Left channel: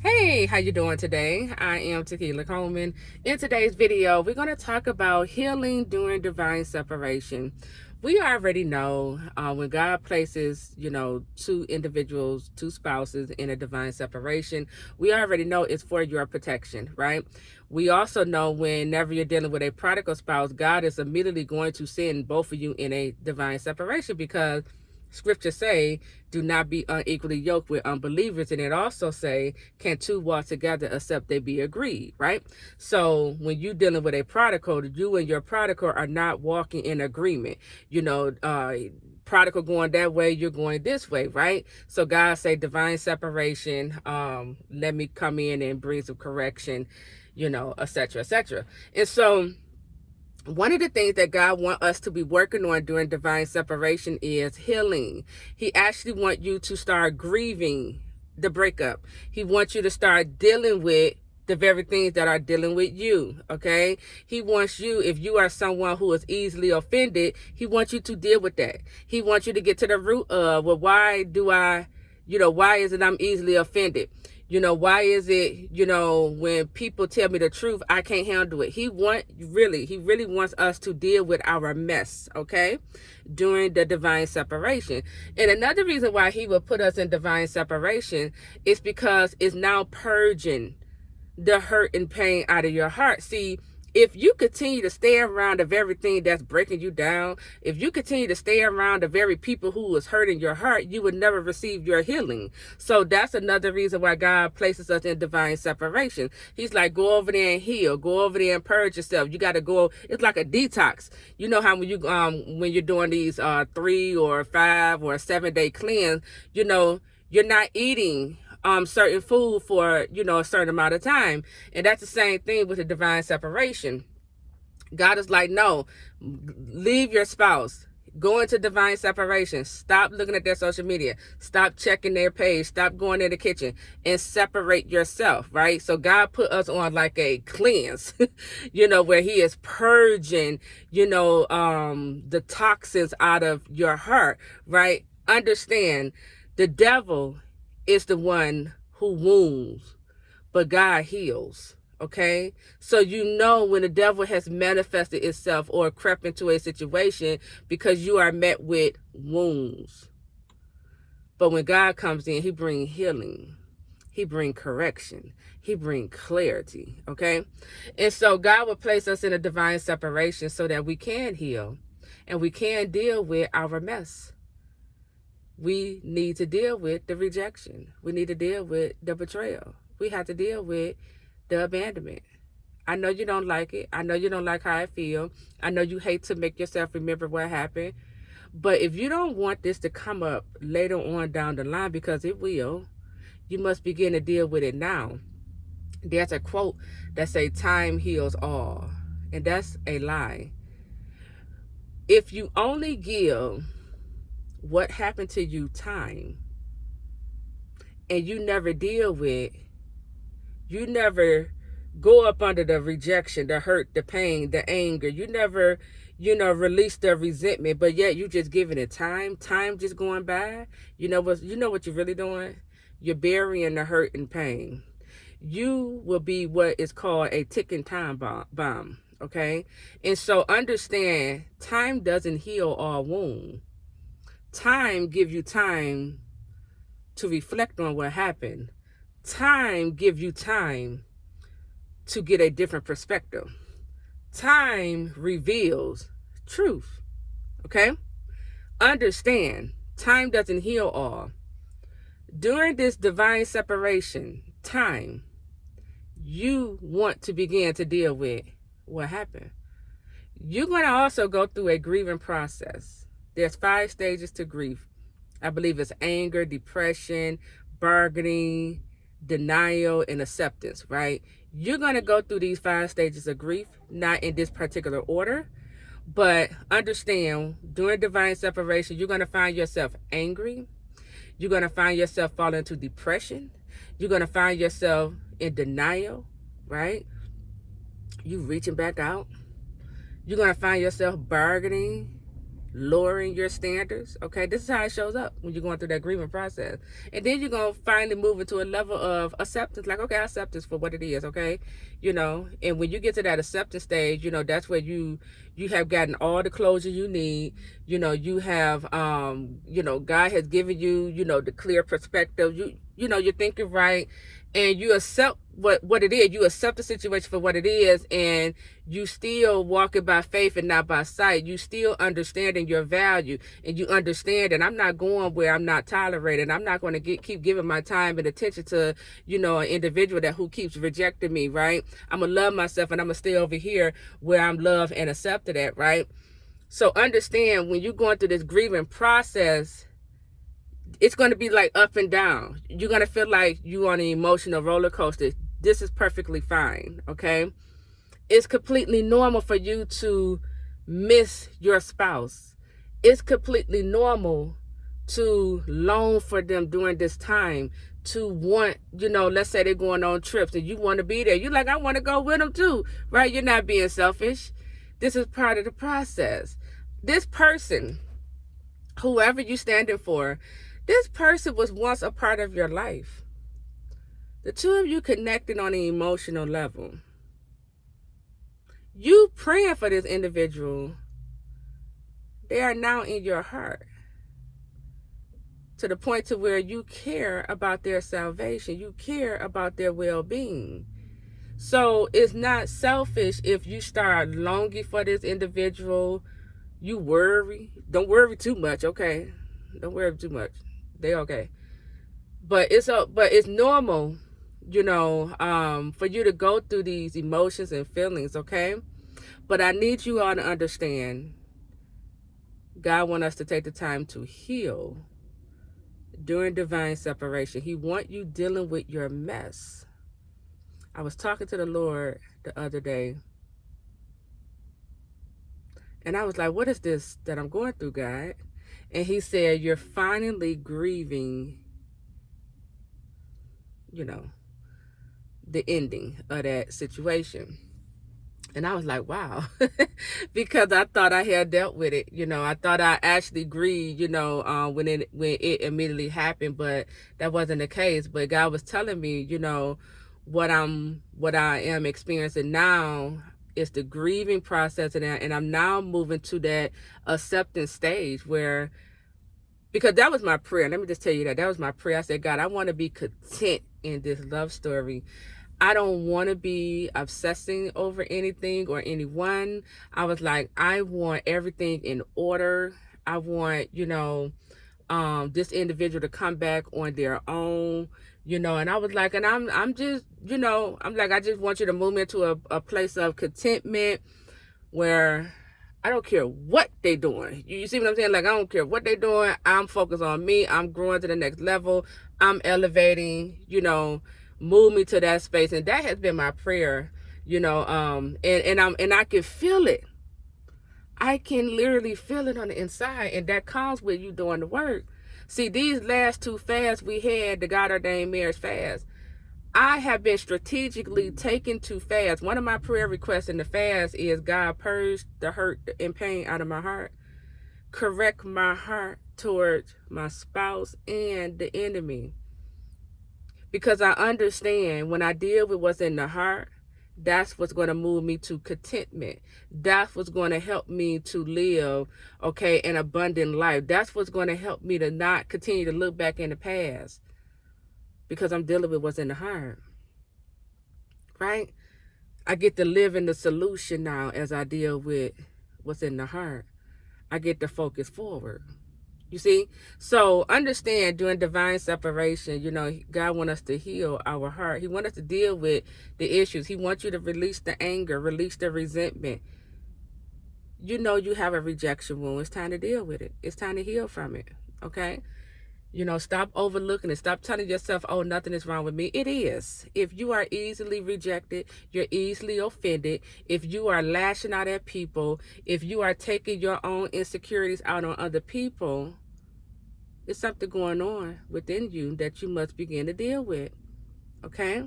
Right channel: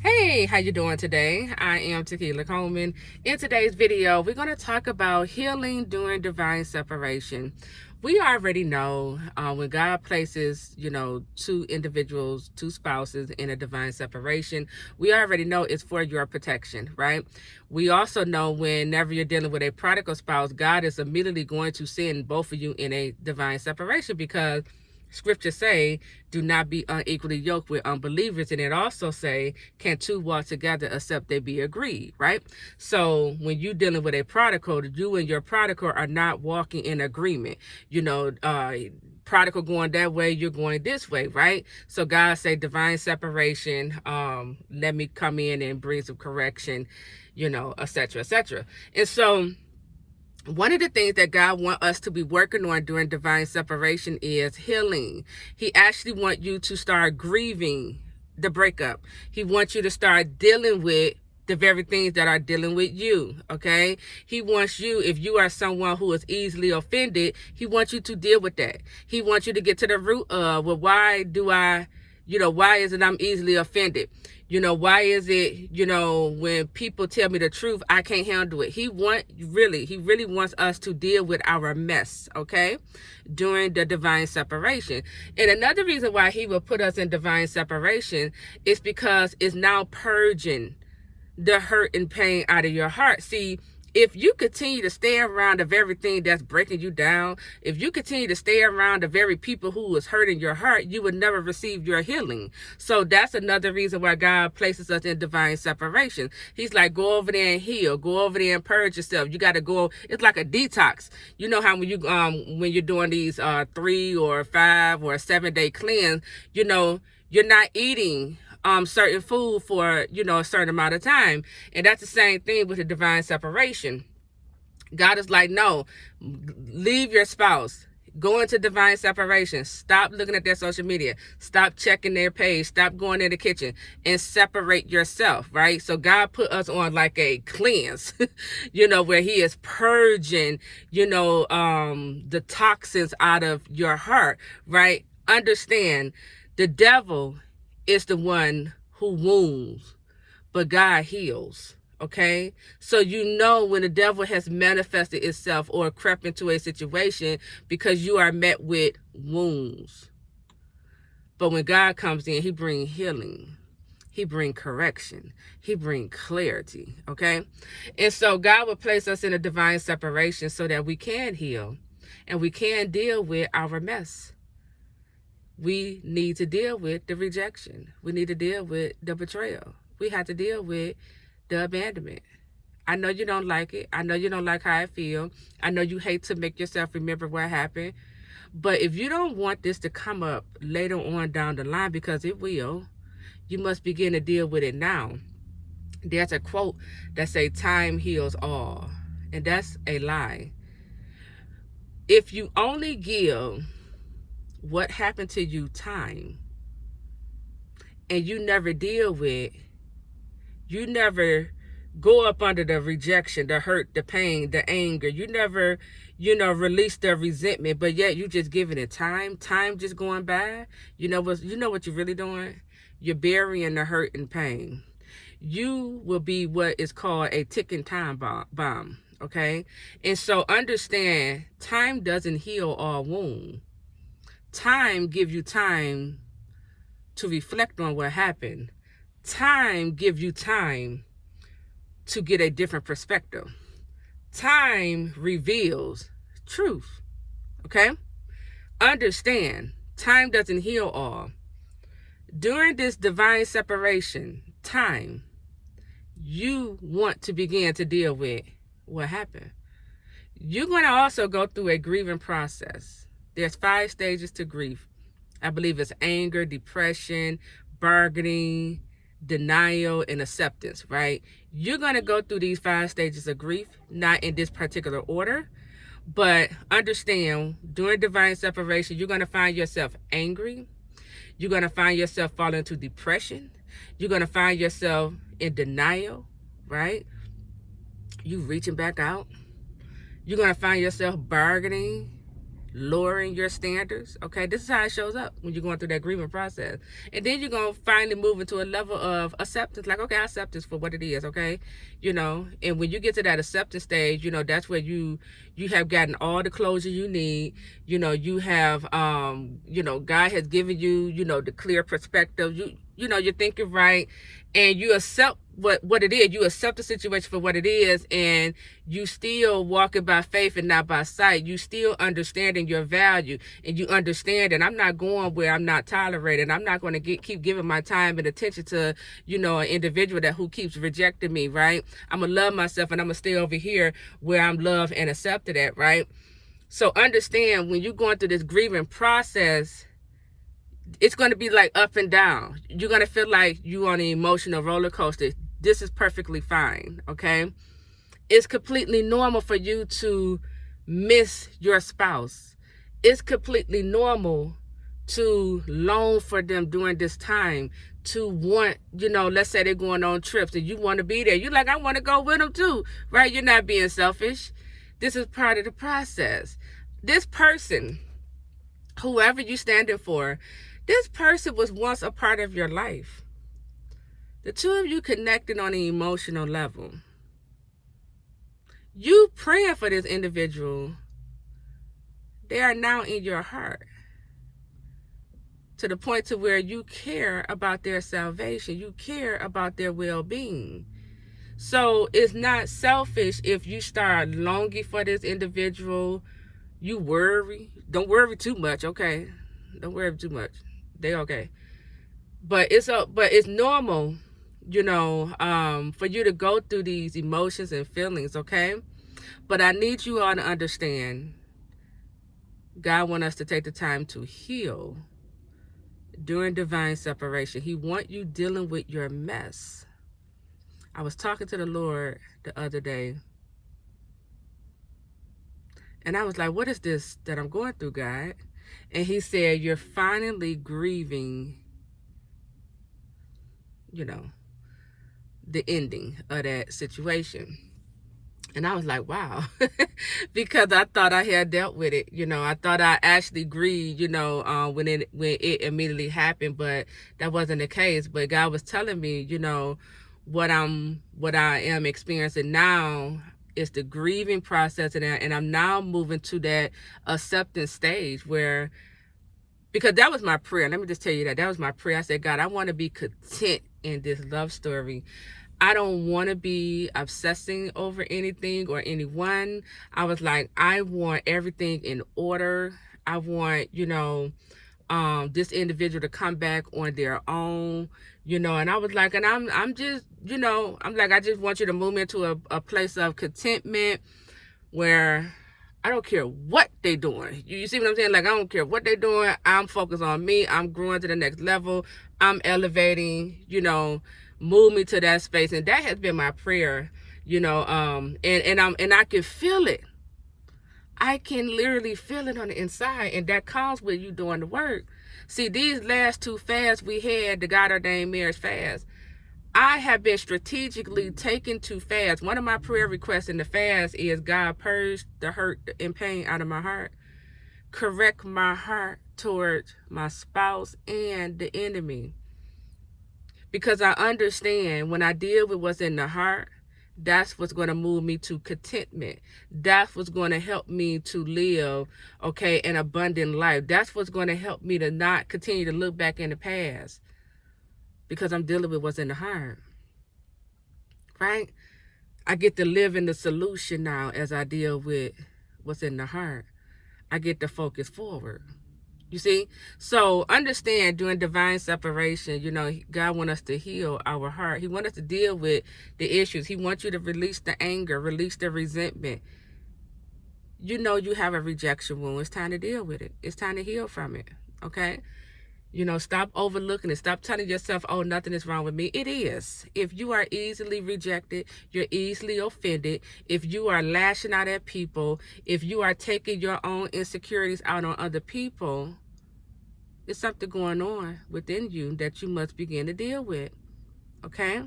Hey, how you doing today? I am Taquila Coleman. In today's video, we're going to talk about healing during divine separation. We already know when God places, two individuals, two spouses in a divine separation, we already know it's for your protection, right? We also know whenever you're dealing with a prodigal spouse, God is immediately going to send both of you in a divine separation because scriptures say, do not be unequally yoked with unbelievers. And it also say, can two walk together except they be agreed, right? So when you dealing with a prodigal, you and your prodigal are not walking in agreement. Prodigal going that way, you're going this way, right? So God say divine separation, let me come in and bring some correction, etc., etc. And so one of the things that God wants us to be working on during divine separation is healing. He actually wants you to start grieving the breakup. He wants you to start dealing with the very things that are dealing with you, okay? He wants you, if you are someone who is easily offended, he wants you to deal with that. He wants you to get to the root of, well, why is it I'm easily offended? Why is it, when people tell me the truth, I can't handle it? He really wants us to deal with our mess, okay, during the divine separation. And another reason why he will put us in divine separation is because it's now purging the hurt and pain out of your heart. See, if you continue to stay around the very thing that's breaking you down, if you continue to stay around the very people who is hurting your heart, you would never receive your healing. So that's another reason why God places us in divine separation. He's like, go over there and heal, go over there and purge yourself. You got to go. It's like a detox. You know how when you're doing these 3 or 5 or 7-day cleanse, you're not eating certain food for, a certain amount of time. And that's the same thing with the divine separation. God is like, no, leave your spouse. Go into divine separation. Stop looking at their social media. Stop checking their page. Stop going in the kitchen and separate yourself, right? So God put us on like a cleanse, where he is purging, the toxins out of your heart, right? Understand, the devil is the one who wounds, but God heals. Okay, so when the devil has manifested itself or crept into a situation because you are met with wounds. But when God comes in, he brings healing, he brings correction, he brings clarity. Okay, and so God will place us in a divine separation so that we can heal and we can deal with our mess. We need to deal with the rejection. We need to deal with the betrayal. We have to deal with the abandonment. I know you don't like it. I know you don't like how I feel. I know you hate to make yourself remember what happened. But if you don't want this to come up later on down the line, because it will, you must begin to deal with it now. There's a quote that says, time heals all. And that's a lie. If you only give what happened to you time, and you never deal with, you never go up under the rejection, the hurt, the pain, the anger, you never, release the resentment, but yet you just giving it time just going by, what you're really doing? You're burying the hurt and pain. You will be what is called a ticking time bomb, okay? And so understand, time doesn't heal all wounds. Time gives you time to reflect on what happened. Time gives you time to get a different perspective. Time reveals truth. Okay? Understand, time doesn't heal all. During this divine separation time, you want to begin to deal with what happened. You're going to also go through a grieving process. There's 5 stages to grief. I believe it's anger, depression, bargaining, denial, and acceptance, right? You're going to go through these 5 stages of grief, not in this particular order, but understand, during divine separation, you're going to find yourself angry. You're going to find yourself falling into depression. You're going to find yourself in denial, right? You reaching back out. You're going to find yourself bargaining. lowering your standards. Okay, this is how it shows up when you're going through that grieving process. And then you're going to finally move into a level of acceptance, like, okay, I accept this for what it is. Okay, and when you get to that acceptance stage, that's where you have gotten all the closure you need. You have God has given you the clear perspective. You're thinking right, and you accept what it is. You accept the situation for what it is, and you still walking by faith and not by sight. You still understanding your value, and you understand that I'm not going where I'm not tolerated. I'm not going to keep giving my time and attention to an individual who keeps rejecting me, right? I'm gonna love myself, and I'm gonna stay over here where I'm loved and accepted at, right? So understand, when you're going through this grieving process, it's going to be like up and down. You're going to feel like you're on an emotional roller coaster. This is perfectly fine, okay? It's completely normal for you to miss your spouse. It's completely normal to long for them during this time, to want, let's say they're going on trips and you want to be there. You're like, I want to go with them too, right? You're not being selfish. This is part of the process. This person, whoever you're standing for, this person was once a part of your life. The two of you connected on an emotional level. You praying for this individual, they are now in your heart, to the point to where you care about their salvation. You care about their well-being. So it's not selfish if you start longing for this individual. You worry. Don't worry too much, okay? Don't worry too much. They okay. But it's normal, for you to go through these emotions and feelings, okay? But I need you all to understand, God wants us to take the time to heal during divine separation. He wants you dealing with your mess. I was talking to the Lord the other day, and I was like, what is this that I'm going through, God? And he said, you're finally grieving, the ending of that situation. And I was like, wow, because I thought I had dealt with it. I thought I actually grieved, when it immediately happened, but that wasn't the case. But God was telling me, what I am experiencing now is the grieving process, and I'm now moving to that acceptance stage where, because that was my prayer. Let me just tell you that was my prayer. I said, God, I want to be content in this love story. I don't want to be obsessing over anything or anyone. I was like, I want everything in order. I want, this individual to come back on their own, and I was like, and I'm just, I'm like, I just want you to move me into a place of contentment where I don't care what they doing. You see what I'm saying? Like, I don't care what they doing. I'm focused on me. I'm growing to the next level. I'm elevating, move me to that space. And that has been my prayer, and I can feel it. I can literally feel it on the inside, and that comes with you doing the work. See, these last two fasts we had, the God ordained marriage fast, I have been strategically taking to fast. One of my prayer requests in the fast is, God, purge the hurt and pain out of my heart. Correct my heart towards my spouse and the enemy. Because I understand when I deal with what's in the heart, that's what's going to move me to contentment. That's what's going to help me to live, an abundant life. That's what's going to help me to not continue to look back in the past, because I'm dealing with what's in the heart, right? I get to live in the solution now as I deal with what's in the heart. I get to focus forward. You see? So understand, during divine separation, God wants us to heal our heart. He wants us to deal with the issues. He wants you to release the anger, release the resentment. You have a rejection wound. It's time to deal with it. It's time to heal from it, okay? Stop overlooking it. Stop telling yourself, oh, nothing is wrong with me. It is. If you are easily rejected, you're easily offended, if you are lashing out at people, if you are taking your own insecurities out on other people, there's something going on within you that you must begin to deal with, okay?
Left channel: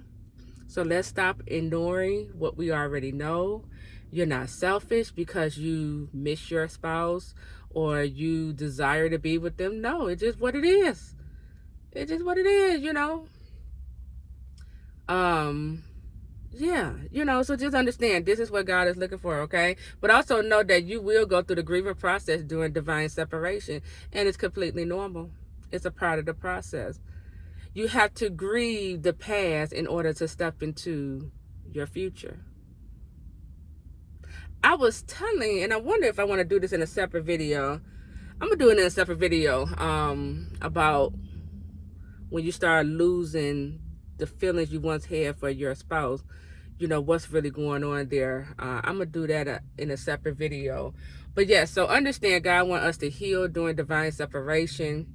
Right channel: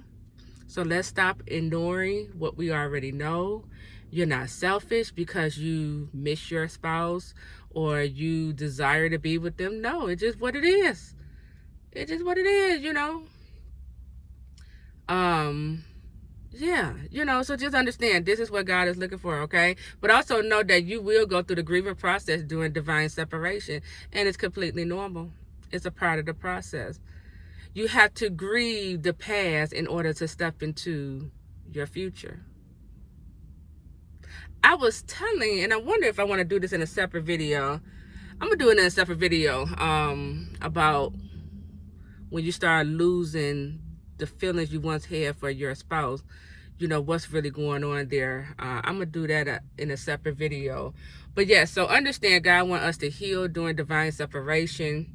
So let's stop ignoring what we already know. You're not selfish because you miss your spouse or you desire to be with them. No, it's just what it is. It's just what it is, Yeah, so just understand this is what God is looking for, okay? But also know that you will go through the grieving process during divine separation, and it's completely normal. It's a part of the process. You have to grieve the past in order to step into your future. I was telling, and I wonder if I want to do this in a separate video. I'm gonna do it in a separate video about when you start losing the feelings you once had for your spouse. What's really going on there. I'm gonna do that in a separate video. But yeah, so understand God wants us to heal during divine separation.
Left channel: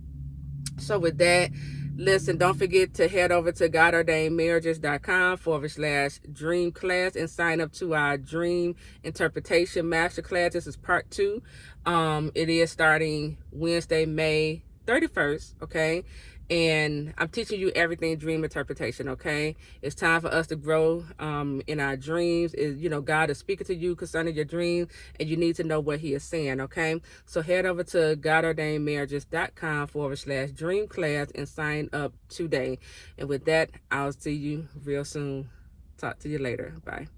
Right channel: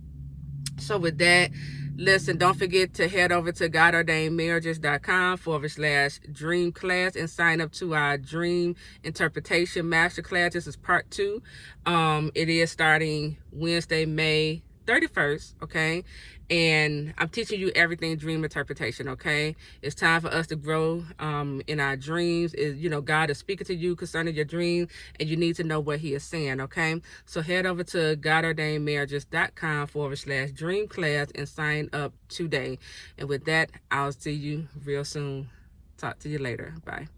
So with that, listen, don't forget to head over to godordainedmarriages.com/dream class and sign up to our dream interpretation masterclass. This is part 2. It is starting Wednesday, May 31st, okay? And I'm teaching you everything dream interpretation, okay? It's time for us to grow in our dreams. God is speaking to you concerning your dreams, and you need to know what he is saying, okay? So head over to godordainedmarriages.com/dream class and sign up today. And with that, I'll see you real soon. Talk to you later. Bye.